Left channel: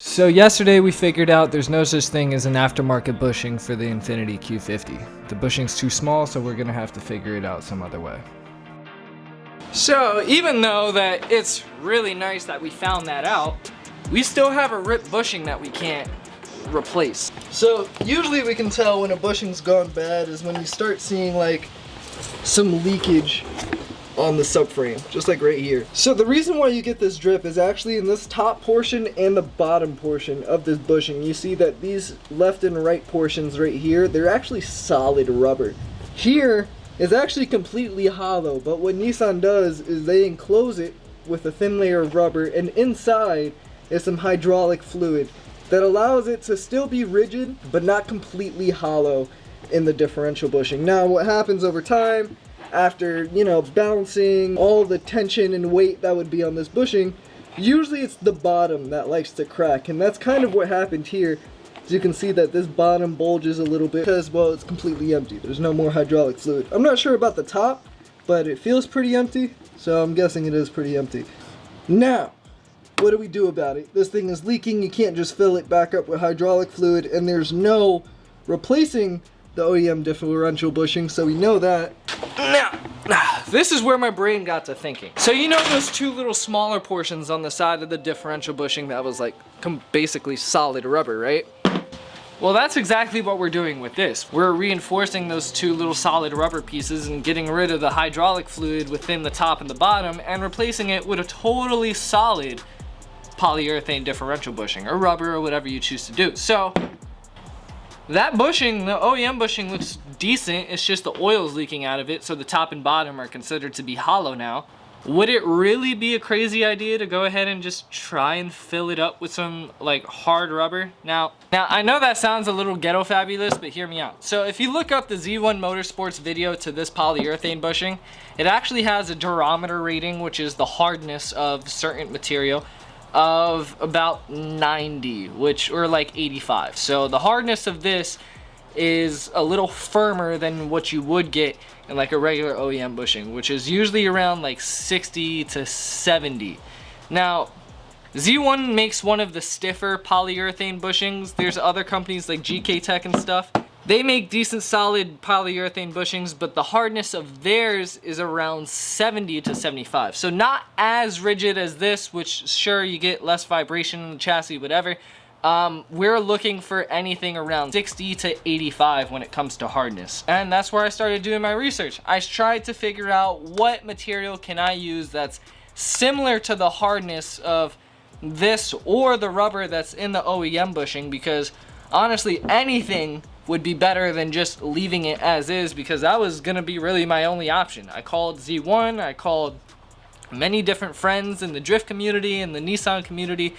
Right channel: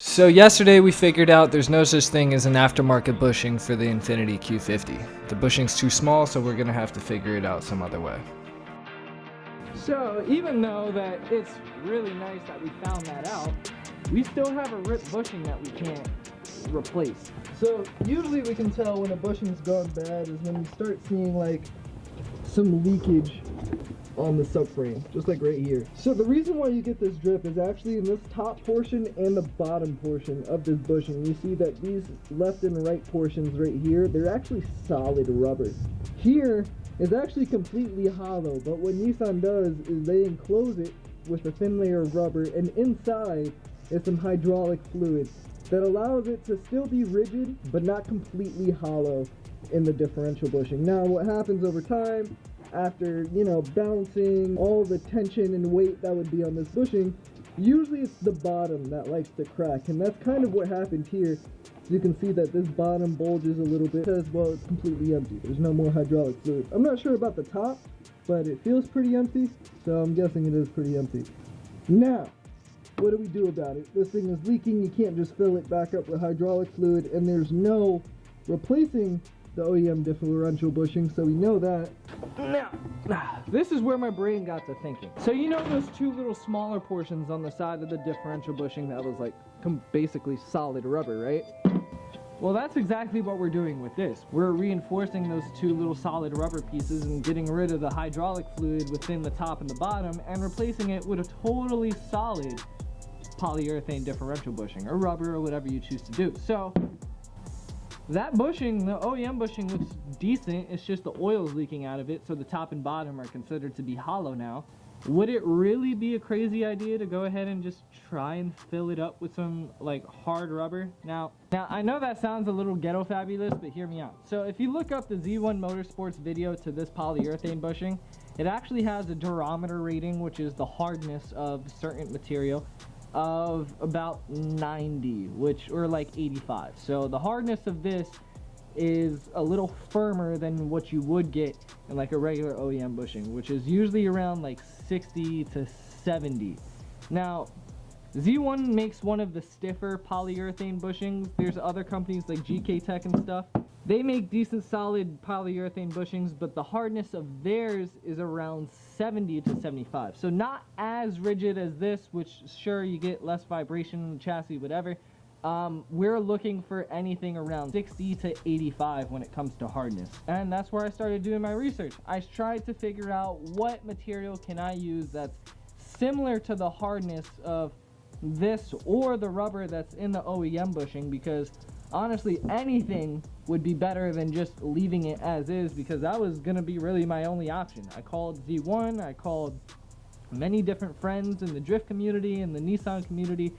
So yesterday we figured out there's no such thing as an aftermarket bushing for the Infiniti Q50. The bushing's too small, so we're gonna have to figure it out some other way. So even though that it's really nice that we found that out, we still have a ripped bushing that we can't replace. So usually we can tell when a bushing's gone bad is when you start seeing like some leakage on the subframe, just like right here. So the reason why you get this drip is actually in this top portion and the bottom portion of this bushing. You see that these left and right portions right here, they're actually solid rubber. Here is actually completely hollow, but what Nissan does is they enclose it with a thin layer of rubber, and inside is some hydraulic fluid that allows it to still be rigid but not completely hollow in the differential bushing. Now what happens over time, after, you know, balancing all the tension and weight that would be on this bushing, usually it's the bottom that likes to crack, and that's kind of what happened here. As you can see that this bottom bulges a little bit because, well, it's completely empty. There's no more hydraulic fluid. I'm not sure about the top, but it feels pretty empty, so I'm guessing it is pretty empty. Now, what do we do about it? This thing is leaking. You can't just fill it back up with hydraulic fluid, and there's no replacing the OEM differential bushing, so we know that. Now, this is where my brain got to thinking. So you know those two little smaller portions on the side of the differential bushing that was like basically solid rubber, right? Well, that's exactly what we're doing with this. We're reinforcing those two little solid rubber pieces and getting rid of the hydraulic fluid within the top and the bottom and replacing it with a totally solid polyurethane differential bushing, or rubber, or whatever you choose to do. So that bushing, the OEM bushing, looks decent. It's just the oil's leaking out of it, so the top and bottom are considered to be hollow now. Would it really be a crazy idea to go ahead and just try and fill it up with some like hard rubber? Now I know that sounds a little ghetto fabulous, but hear me out. So if you look up the Z1 Motorsports video to this polyurethane bushing, it actually has a durometer rating, which is the hardness of certain material, of about 90, or like 85. So the hardness of this is a little firmer than what you would get in like a regular OEM bushing, which is usually around like 60 to 70. Now, Z1 makes one of the stiffer polyurethane bushings. There's other companies like GK Tech and stuff. They make decent solid polyurethane bushings, but the hardness of theirs is around 70 to 75. So not as rigid as this, which sure, you get less vibration in the chassis, whatever. We're looking for anything around 60 to 85 when it comes to hardness. And that's where I started doing my research. I tried to figure out what material can I use that's similar to the hardness of this or the rubber that's in the OEM bushing, because honestly, anything would be better than just leaving it as is, because that was gonna be really my only option. I called Z1, I called many different friends in the drift community and the Nissan community,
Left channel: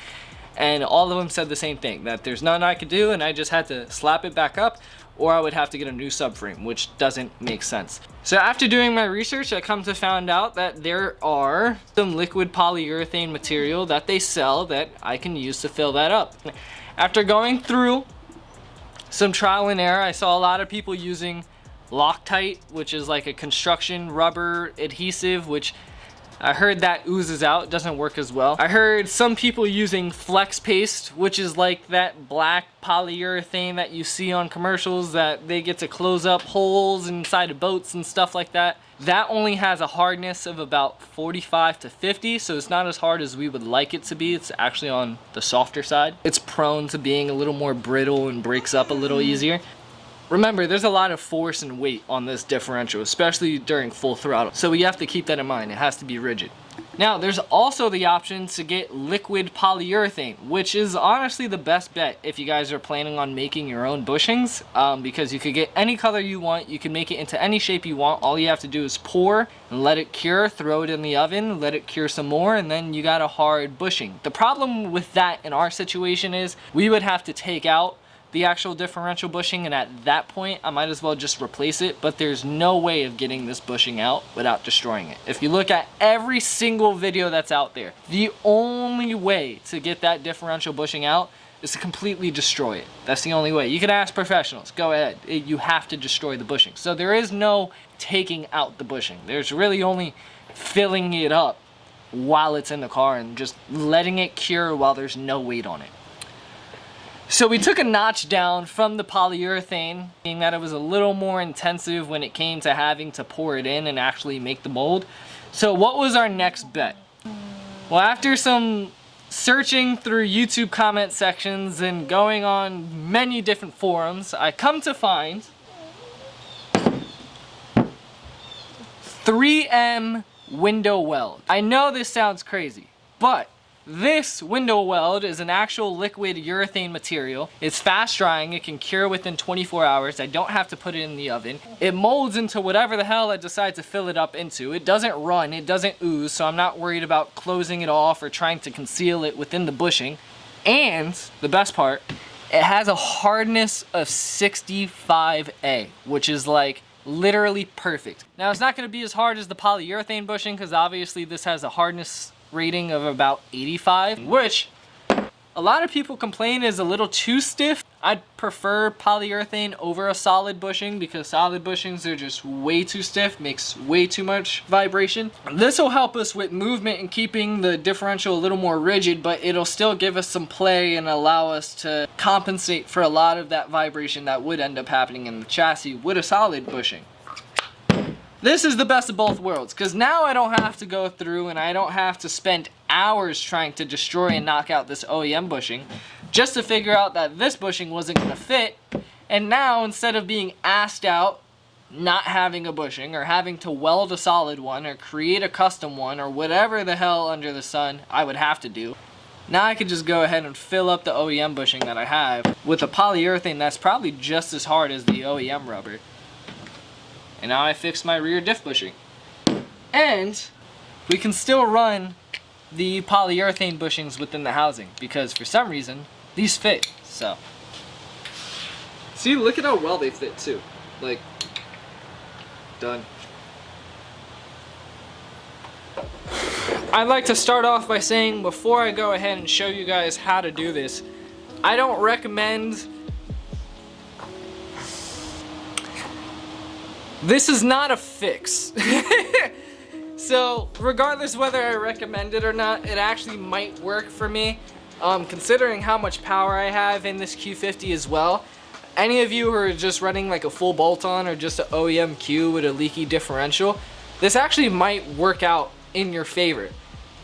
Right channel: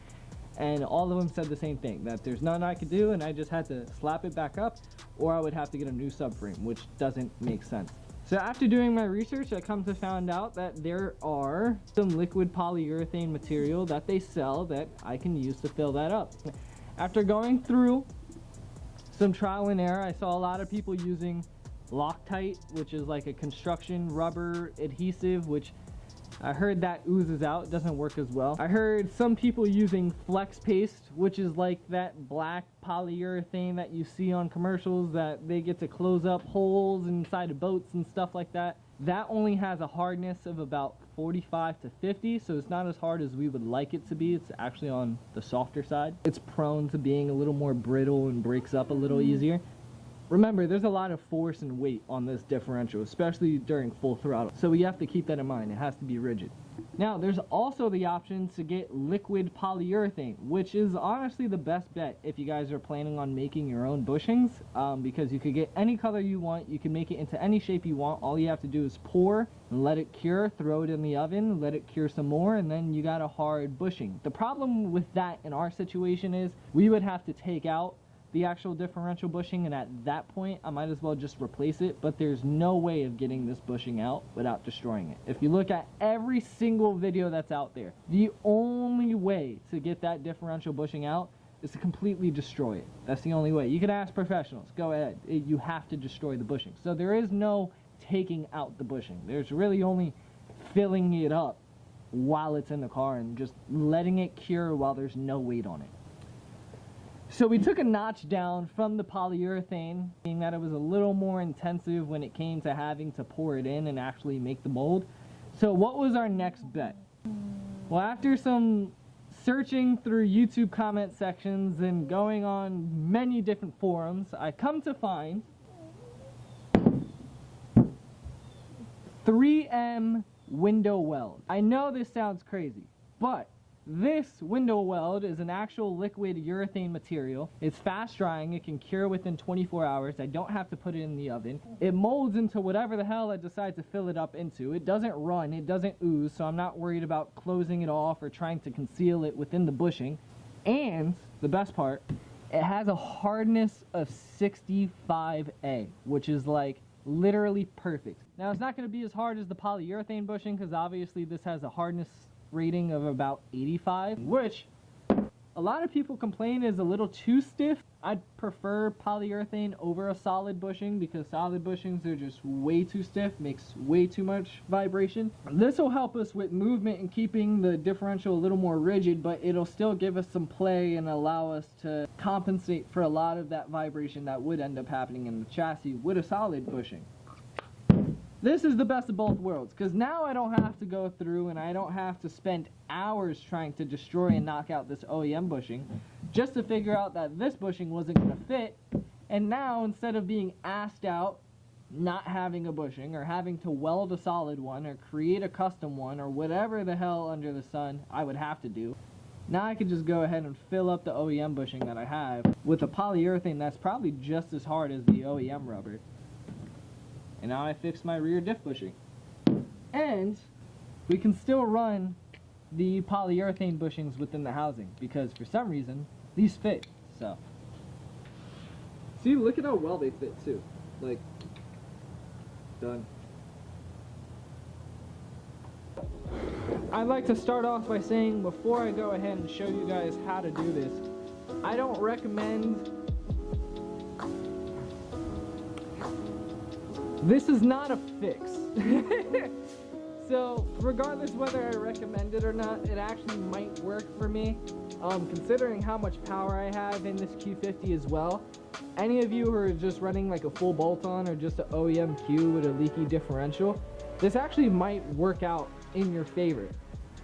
and all of them said the same thing, that there's nothing I could do and I just had to slap it back up, or I would have to get a new subframe, which doesn't make sense. So after doing my research, I come to find out that there are some liquid polyurethane material that they sell that I can use to fill that up. After going through some trial and error, I saw a lot of people using Loctite, which is like a construction rubber adhesive, which I heard that oozes out, doesn't work as well. I heard some people using Flex Paste, which is like that black polyurethane that you see on commercials that they get to close up holes inside of boats and stuff like that. That only has a hardness of about 45 to 50, so it's not as hard as we would like it to be. It's actually on the softer side. It's prone to being a little more brittle and breaks up a little easier. Remember, there's a lot of force and weight on this differential, especially during full throttle. So we have to keep that in mind. It has to be rigid. Now, there's also the option to get liquid polyurethane, which is honestly the best bet if you guys are planning on making your own bushings, because you could get any color you want. You can make it into any shape you want. All you have to do is pour and let it cure, throw it in the oven, let it cure some more, and then you got a hard bushing. The problem with that in our situation is we would have to take out the actual differential bushing, and at that point I might as well just replace it, but there's no way of getting this bushing out without destroying it. If you look at every single video that's out there, the only way to get that differential bushing out is to completely destroy it. That's the only way. You can ask professionals, go ahead. You have to destroy the bushing. So there is no taking out the bushing. There's really only filling it up while it's in the car and just letting it cure while there's no weight on it. So we took a notch down from the polyurethane, being that it was a little more intensive when it came to having to pour it in and actually make the mold. So what was our next bet? Well, after some searching through YouTube comment sections and going on many different forums, I come to find 3M window weld. I know this sounds crazy, but this window weld is an actual liquid urethane material. It's fast drying, it can cure within 24 hours. I don't have to put it in the oven. It molds into whatever the hell I decide to fill it up into. It doesn't run, it doesn't ooze, so I'm not worried about closing it off or trying to conceal it within the bushing. And the best part, it has a hardness of 65A, which is like literally perfect. Now it's not going to be as hard as the polyurethane bushing because obviously this has a hardness rating of about 85, which a lot of people complain is a little too stiff. I'd prefer polyurethane over a solid bushing because solid bushings are just way too stiff, makes way too much vibration. This will help us with movement and keeping the differential a little more rigid, but it'll still give us some play and allow us to compensate for a lot of that vibration that would end up happening in the chassis with a solid bushing. This is the best of both worlds, because now I don't have to go through and I don't have to spend hours trying to destroy and knock out this OEM bushing just to figure out that this bushing wasn't going to fit. And now, instead of being asked out, not having a bushing, or having to weld a solid one, or create a custom one, or whatever the hell under the sun I would have to do, now I could just go ahead and fill up the OEM bushing that I have with a polyurethane that's probably just as hard as the OEM rubber. And now I fixed my rear diff bushing. And we can still run the polyurethane bushings within the housing because for some reason these fit. So see, look at how well they fit too. Like, done. I'd like to start off by saying, before I go ahead and show you guys how to do this, I don't recommend. This is not a fix. So regardless whether I recommend it or not, it actually might work for me. Considering how much power I have in this Q50 as well. Any of you who are just running like a full bolt-on or just an OEM Q with a leaky differential, this actually might work out in your favor.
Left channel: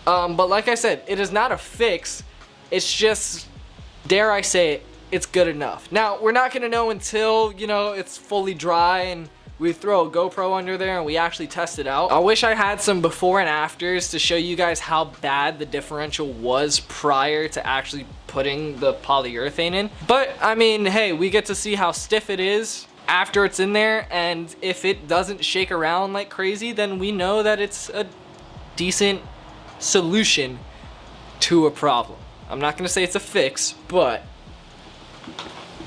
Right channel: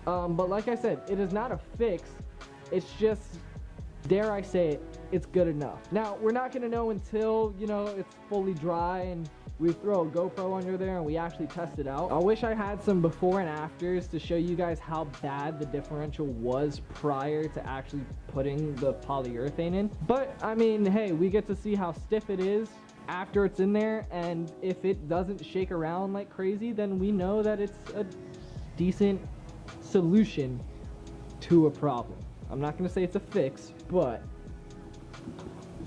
But like I said, it is not a fix. It's just, dare I say it, it's good enough. Now, we're not gonna know until, you know, it's fully dry and we throw a GoPro under there and we actually test it out. I wish I had some before and afters to show you guys how bad the differential was prior to actually putting the polyurethane in. But I mean, hey, we get to see how stiff it is after it's in there, and if it doesn't shake around like crazy, then we know that it's a decent solution to a problem. I'm not gonna say it's a fix, but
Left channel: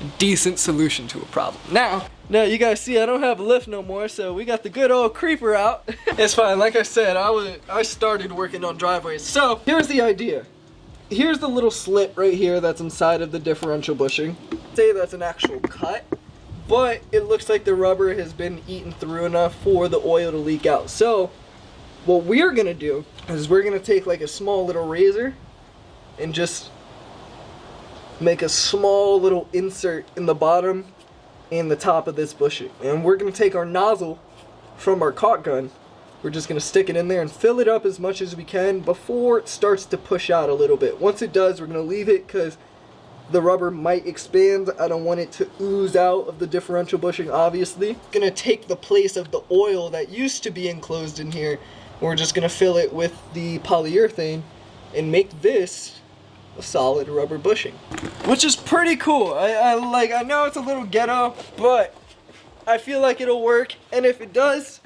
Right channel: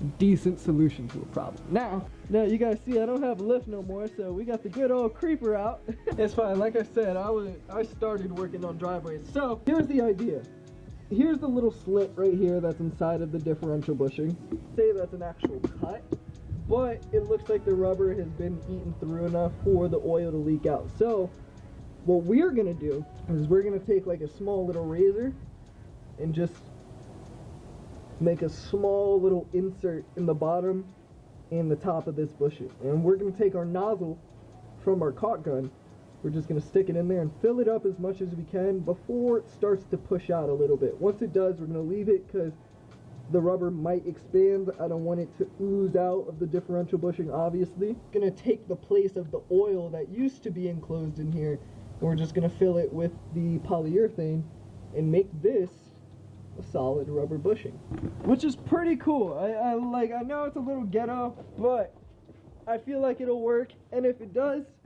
a decent solution to a problem. Now you guys see I don't have a lift no more, so we got the good old creeper out. It's fine, like I said, I started working on driveways. So here's the idea. Here's the little slit right here that's inside of the differential bushing. Say that's an actual cut, but it looks like the rubber has been eaten through enough for the oil to leak out. So what we're gonna do is we're gonna take like a small little razor and just make a small little insert in the bottom and the top of this bushing. And we're gonna take our nozzle from our caulk gun, we're just gonna stick it in there and fill it up as much as we can before it starts to push out a little bit. Once it does, we're gonna leave it because the rubber might expand. I don't want it to ooze out of the differential bushing, obviously. Gonna take the place of the oil that used to be enclosed in here. We're just gonna fill it with the polyurethane and make this a solid rubber bushing, which is pretty cool. I know it's a little ghetto, but I feel like it'll work, and if it does,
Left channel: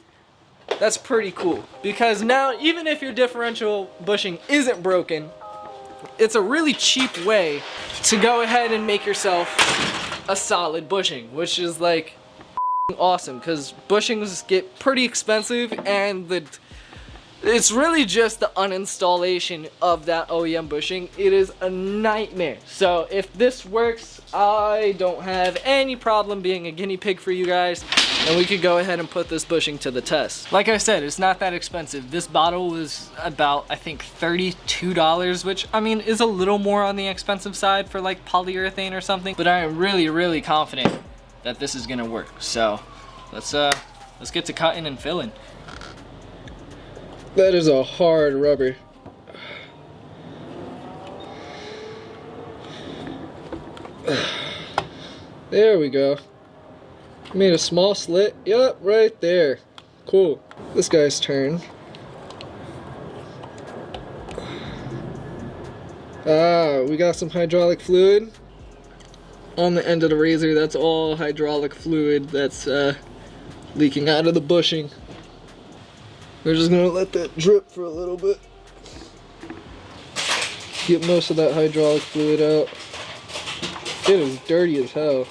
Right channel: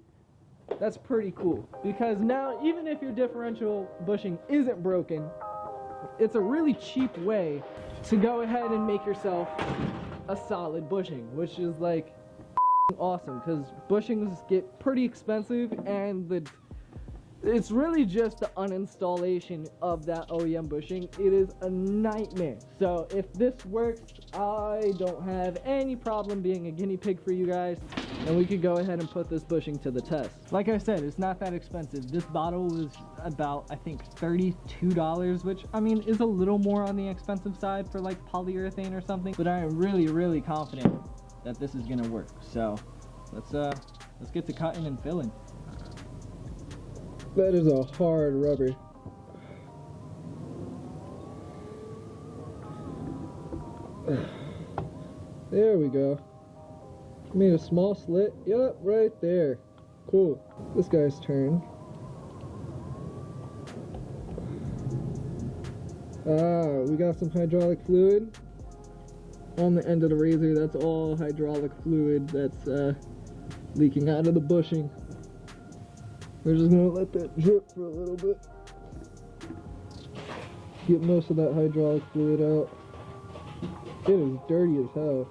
that's pretty cool, because now even if your differential bushing isn't broken, it's a really cheap way to go ahead and make yourself a solid bushing, which is like awesome because bushings get pretty expensive, and It's really just the uninstallation of that OEM bushing. It is a nightmare. So if this works, I don't have any problem being a guinea pig for you guys, and we could go ahead and put this bushing to the test. Like I said, it's not that expensive. This bottle was about, I think, $32, which I mean is a little more on the expensive side for like polyurethane or something, but I am really, really confident that this is gonna work. So let's get to cutting and filling. That is a hard rubber. There we go. Made a small slit. Yup, right there. Cool. This guy's turn. We got some hydraulic fluid on the end of the razor. That's all hydraulic fluid that's leaking out of the bushing. We're just gonna let that drip for a little bit. Get most of that hydraulic fluid out. It is dirty as hell.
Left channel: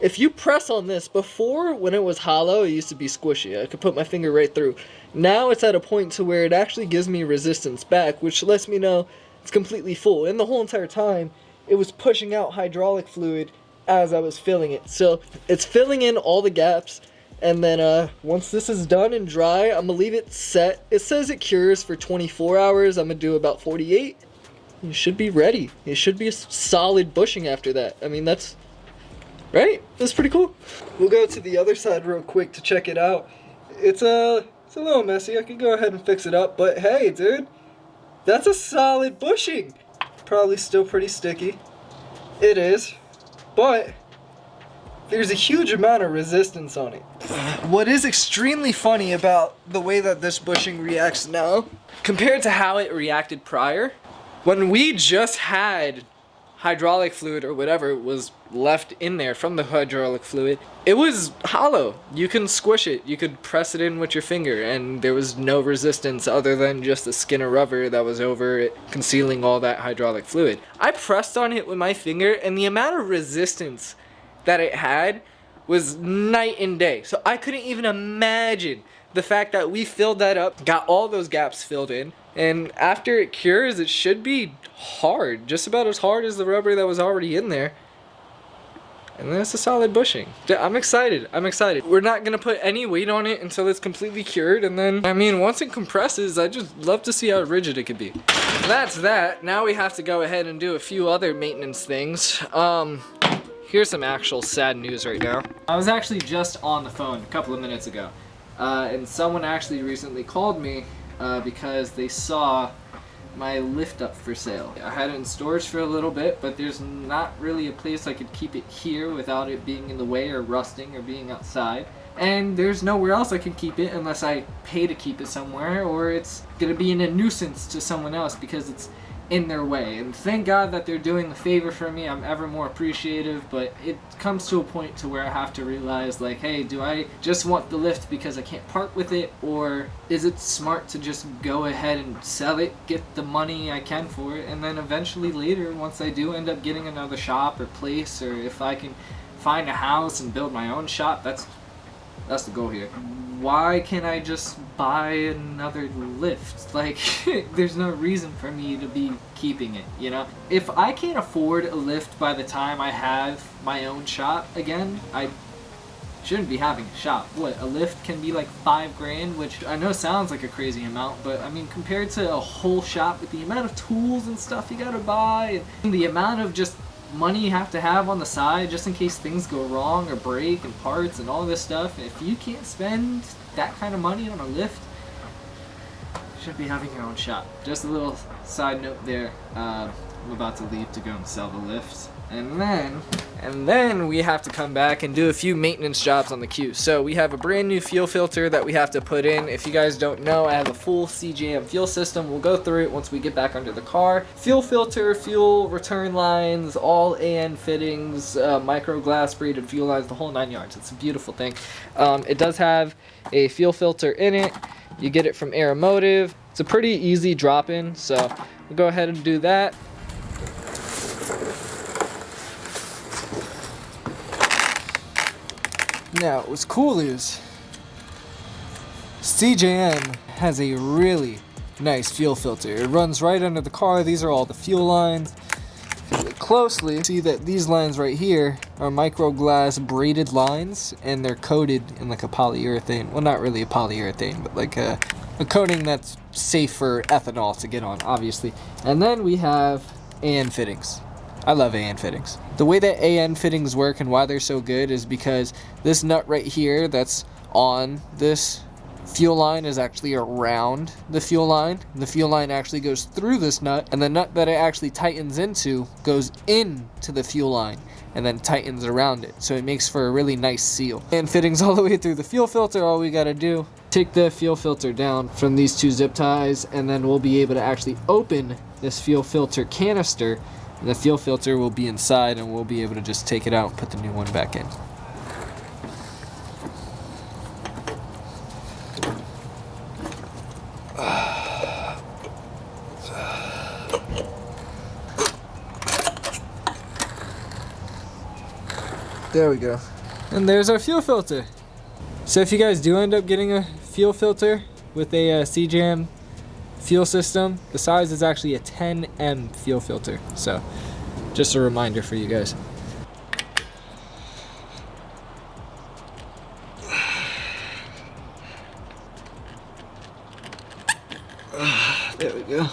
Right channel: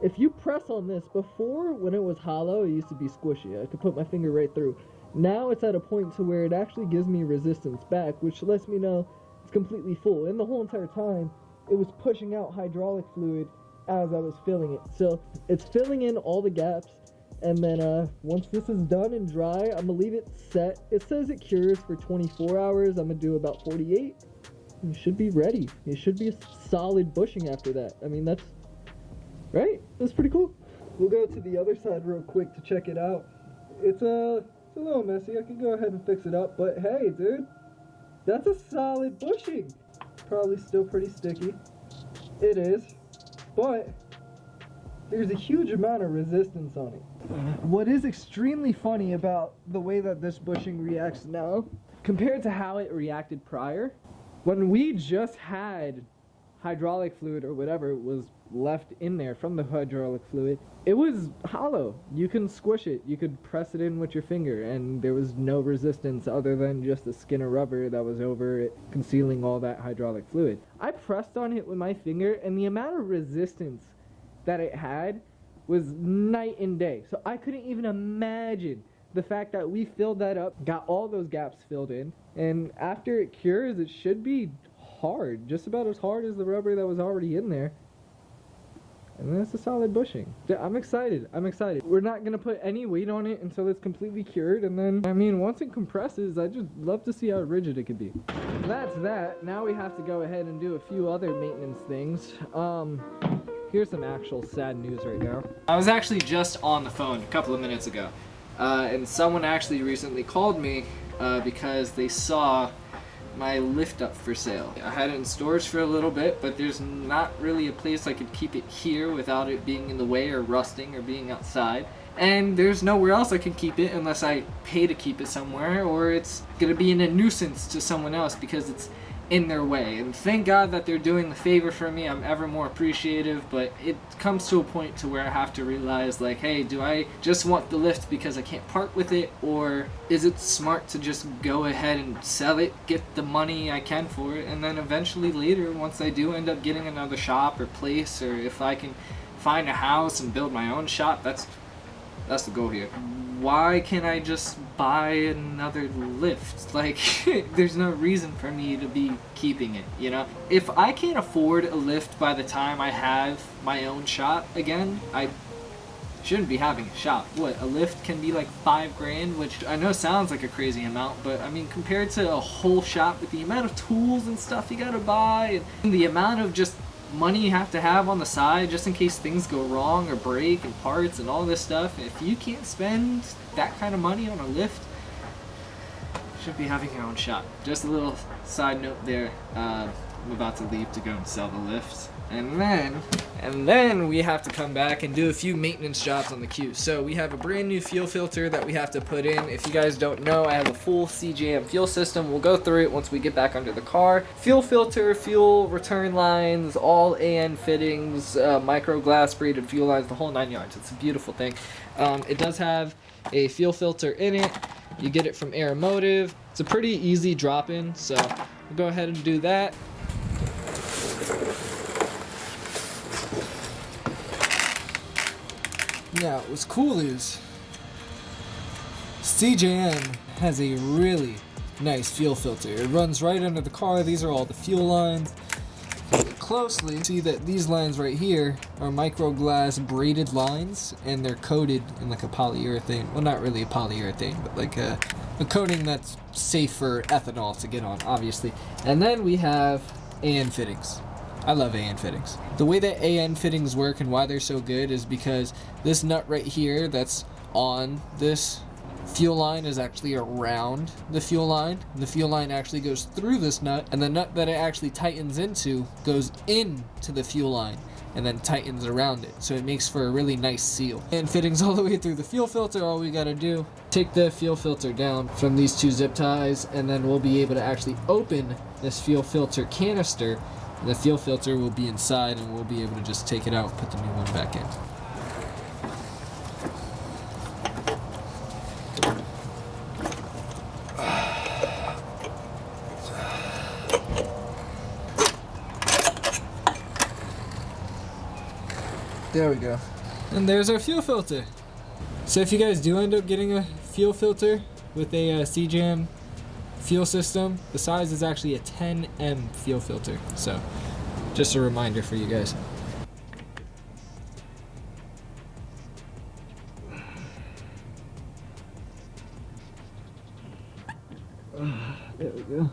If you press on this, before when it was hollow, it used to be squishy. I could put my finger right through. Now it's at a point to where it actually gives me resistance back, which lets me know it's completely full. And the whole entire time, it was pushing out hydraulic fluid as I was filling it. So it's filling in all the gaps. And then once this is done and dry, I'm gonna leave it set. It says it cures for 24 hours. I'm gonna do about 48. You should be ready. It should be a solid bushing after that. I mean, that's... right? That's pretty cool. We'll go to the other side real quick to check it out. It's a little messy. I can go ahead and fix it up, but hey, dude, that's a solid bushing. Probably still pretty sticky. It is, but there's a huge amount of resistance on it. What is extremely funny about the way that this bushing reacts now, Compared to how it reacted prior, when we just had hydraulic fluid or whatever was left in there from the hydraulic fluid, it was hollow. You can squish it, you could press it in with your finger, and there was no resistance other than just the skin of rubber that was over it, concealing all that hydraulic fluid. I pressed on it with my finger, and the amount of resistance that it had was night and day. So I couldn't even imagine the fact that we filled that up, got all those gaps filled in, and after it cures, it should be hard, just about as hard as the rubber that was already in there. And then it's a solid bushing. I'm excited. I'm excited. We're not gonna put any weight on it until it's completely cured, and then, I mean, once it compresses, I just love to see how rigid it could be. That's that. Now we have to go ahead and do a few other maintenance things. Here's some actual sad news right now. I was actually just on the phone a couple of minutes ago, and someone actually recently called me because they saw my lift up for sale. I had it in storage for a little bit, but there's not really a place I could keep it here without it being in the way or rusting or being outside. And there's nowhere else I can keep it unless I pay to keep it somewhere, or it's gonna be in a nuisance to someone else because it's in their way. And thank God that they're doing the favor for me. I'm ever more appreciative, but it comes to a point to where I have to realize, like, hey, do I just want the lift because I can't part with it, or is it smart to just go ahead and sell it, get the money I can for it, and then eventually later, once I do end up getting another shop or place, or if I can find a house and build my own shop, that's the goal here. Why can't I just buy another lift? Like, there's no reason for me to be keeping it, you know? If I can't afford a lift by the time I have my own shop again, I shouldn't be having a shop. What, a lift can be like $5 grand, which I know sounds like a crazy amount, but I mean, compared to a whole shop with the amount of tools and stuff you gotta buy, and the amount of just money you have to have on the side just in case things go wrong or break, and parts and all this stuff, if you can't spend that kind of money on a lift, should be having your own shop. Just a little side note there. I'm about to leave to go and sell the lifts. And then we have to come back and do a few maintenance jobs on the Q. So we have a brand new fuel filter that we have to put in. If you guys don't know, I have a full CJM fuel system. We'll go through it once we get back under the car. Fuel filter, fuel return lines, all AN fittings, micro glass braided fuel lines, the whole 9 yards. It's a beautiful thing. It does have a fuel filter in it. You get it from Aeromotive. It's a pretty easy drop-in, so we'll go ahead and do that. Now, what's cool is CJM has a really nice fuel filter. It runs right under the car. These are all the fuel lines. If you look closely, see that these lines right here are micro glass braided lines, and they're coated in like a polyurethane. Well, not really a polyurethane, but like a coating that's safe for ethanol to get on, obviously. And then we have AN fittings. I love AN fittings. The way that AN fittings work and why they're so good is because this nut right here that's on this fuel line is actually around the fuel line. And the fuel line actually goes through this nut, and the nut that it actually tightens into goes into the fuel line and then tightens around it. So it makes for a really nice seal. AN fittings all the way through the fuel filter. All we gotta do, take the fuel filter down from these two zip ties, and then we'll be able to actually open this fuel filter canister. And the fuel filter will be inside, and we'll be able to just take it out and put the new one back in. There we go. And there's our fuel filter. So if you guys do end up getting a fuel filter with a CJM fuel system, the size is actually a 10M fuel filter. So just a reminder for you guys. There we go.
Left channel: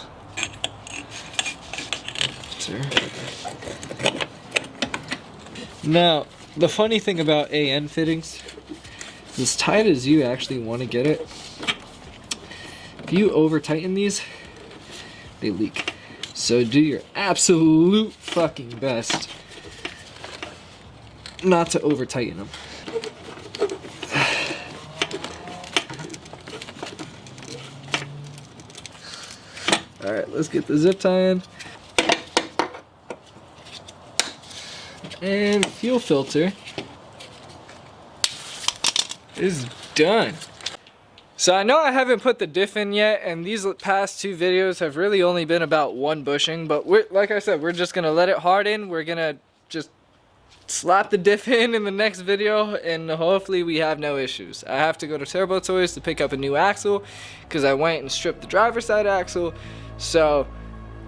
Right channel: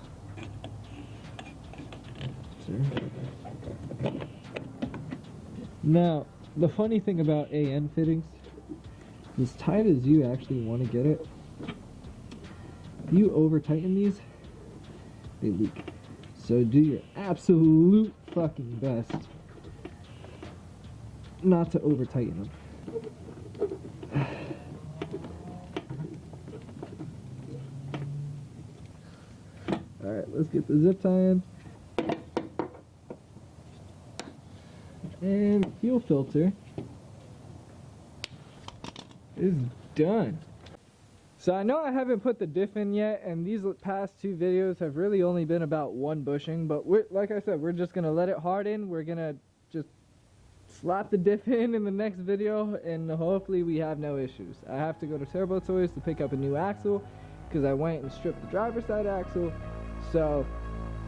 Now, the funny thing about AN fittings, as tight as you actually want to get it, if you over tighten these, they leak. So do your absolute fucking best not to over tighten them. All right, let's get the zip tie in. And fuel filter is done. So I know I haven't put the diff in yet, and these past two videos have really only been about one bushing, but like I said, we're just gonna let it harden. We're gonna just slap the diff in the next video, and hopefully we have no issues. I have to go to Turbo Toys to pick up a new axle because I went and stripped the driver's side axle. So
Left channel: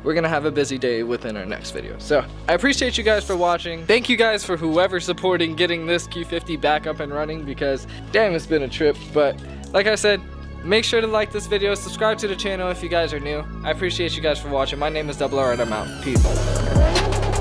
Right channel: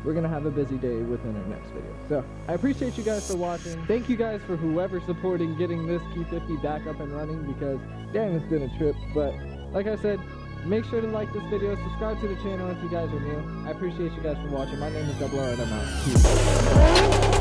we're gonna have a busy day within our next video. So I appreciate you guys for watching. Thank you guys for whoever's supporting getting this Q50 back up and running, because damn, it's been a trip. But like I said, make sure to like this video, subscribe to the channel if you guys are new. I appreciate you guys for watching. My name is Double R and I'm out. Peace.